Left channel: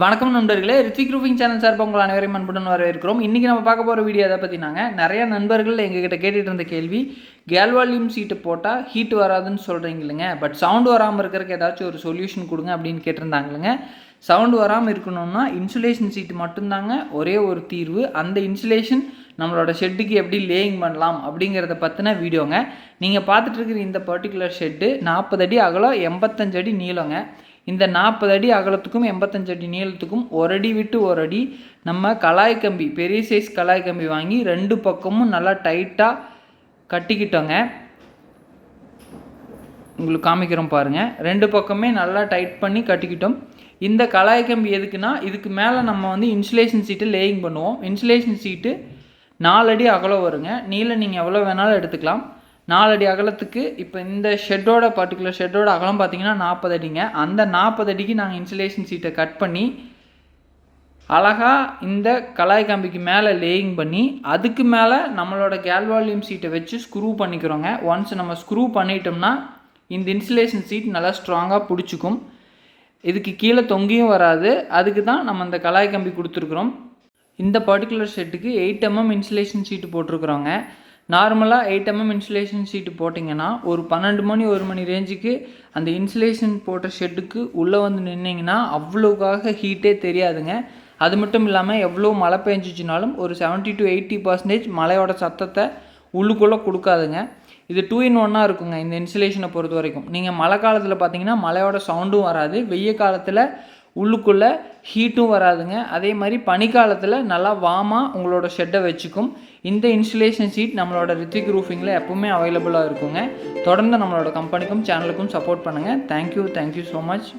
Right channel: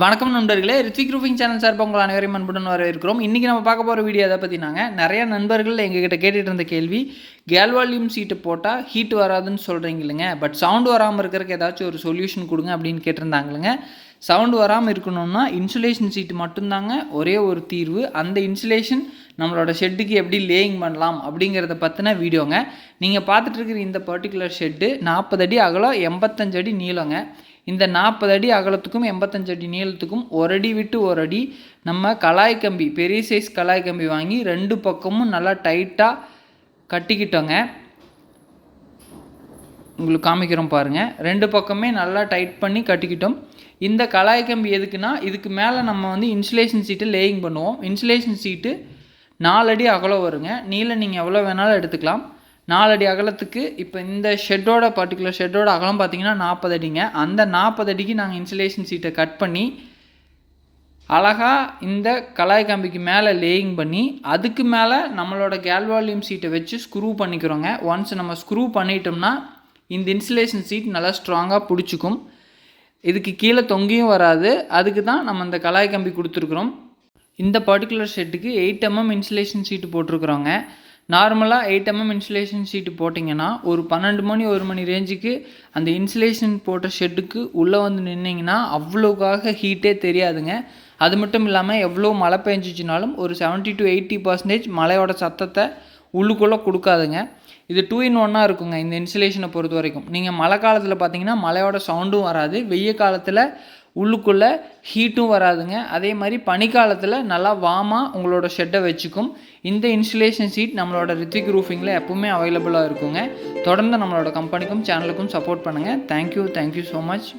வணக்கம் நண்பர்களே, Rithvik roofing channel சார்பாக உங்கள் அனைவரையும் அன்புடன் வரவேற்கிறோம். இன்றைக்கி நம்ம பார்க்க போகிற வீடியோ எதை பற்றினாங்க, நிறைய நண்பர்கள் எங்ககிட்ட கேட்டுகிட்டு இருந்த கேள்வி, கேல்வால்யூம் ஷீட்டு போட்டால் ஹீட் வராதுன்னு சொல்கிறீங்க இல்லைங்க, பட் சவுண்டு வராமல் இருக்கிறதுக்கு ஏதாச்சும் ஒரு சொல்யூஷன் கொடுங்க அப்படின்னு கேட்டிருந்தாங்களுங்க. சவுண்டு வராமல் இருக்கணும்னா இன்சுலேஷன் ஷீட்டு மட்டும்தாங்க ஒரே ஒரு தீர்வு. அந்த இன்சுலேஷன் நம்மளோட ஷெட்டுக்கு எப்படி லேயிங் பண்ணலாம் அப்படிங்கிறத பற்றின வீடியோங்க. நீங்கள் பார்த்துட்டு இருக்கிற இந்த பர்டிகுலர் ஷெட்டு 40 அடி அகலம், 85 அடி நீளங்க. இந்த 40 அடி அகலத்துக்கும் 85 அடி நீளத்துக்கும் ஒரு அடி விட்டு ஒரு அடி நம்ம கலாய் கம்பி, பெரிய சைஸ் கலாய் கம்பி வாங்கி ரெண்டு பக்கமும் நல்லா டைட்டாக கட்டிக்கிட்டோங்க. உங்களுக்கு காமிக்கிறோம் பாருங்கள். ரெண்டு பக்கமே நல்லா டைட் பண்ணி கட்டிக்கிட்டோம். இந்த கலாய் கம்பி எதுக்குன்னா, இதுக்கு மேலே நம்ம இன்சுலேஷன் சீட்டு லேயிங் பண்ணுவோம். இன்சுலேஷன் சீட்டு 4 அடி அகலம் வருங்க. நீளம் நீங்கள் எவ்வளோ வேணாலும் எடுத்துக்கலாம். 4 அடி அகலத்துக்கு இப்போ இந்த ஷெட்டோட பர்டிகுலர் ஷெட்டோட அகலம் பார்த்திங்கன்னா 40 அடிங்க. அந்த 40 அடிக்கு நாங்கள் இன்சுலேஷன் சீட்டை கட் பண்ணி அழகாக இந்த கலாய் கம்பிக்கு மேலே லேயிங் பண்ணி அதுக்கு மேலே நம்மளோட கேல்வால்யூம் ஷீட்டை வச்சு ஸ்க்ரூ பண்ணிக்கிறோங்க. ஒன்ஸ் நம்ம ஸ்க்ரூ பண்ணிட்டோம்னா இந்த இன்சுலேஷன் சீட் நல்லா ஸ்ட்ராங்காக பிடிச்சிக்கும். இதுக்கு கீழே தொங்கியும் வராது. அதுக்கு தான் நம்ம இந்த கலாய் கம்பி கொடுத்துருக்குறோம். இந்த பர்டிகுலர் ஷெட்டுக்கு 8 mm இன்சுலேஷன் ஷீட்டு போட்டிருக்குறோங்க. நார்மலாக 8 mm இன்சுலேஷன் ஷீட்டு போட்டிங்கன்னா ஒரு 12 மணி 1 மணி ரேஞ்சுக்கு அந்த இன்சுலேஷன் போட்ட ஷெட்டுக்கு உள்ளே நின்னிங்கன்னா அவ்வளோக்காக ஹீட்டே தெரியாதுங்க. அது மட்டும் இல்லாமல் எவ்வளோ மழை பெஞ்சிச்சினாலும் ஒரு 70 to 80% மழையோட சத்தத்தை உள்ளுக்குள்ளே கொடுக்காதுங்க. இது 2-in-1 இருக்குங்க இந்த இன்சுலேஷனை பொறுத்த வரைக்கும். நீங்கள் மழை காலத்தில் பார்த்தீங்கன்னா மழையோட சவுண்டும் வராது, வெய்ய காலத்தில் உள்ளுக்குள்ளே ஹீட்டும் வராதுங்க. அதே மாதிரி பனிக்காலத்தில் நல்லா வார்மாக உங்களோட ஷெட்டை வச்சுக்கும். இந்த இன்சுலேஷன் ஷீட் நம்மளோட ரித்விக் ரூஃபிங்கில் எப்பவுமே அவைலபிளாக இருக்குங்க. தொடர்ந்து நம்மளோட கம்பெனிக்கும் சேனலுக்கும் சப்போர்ட் பண்ணுங்கள். Thank you so much.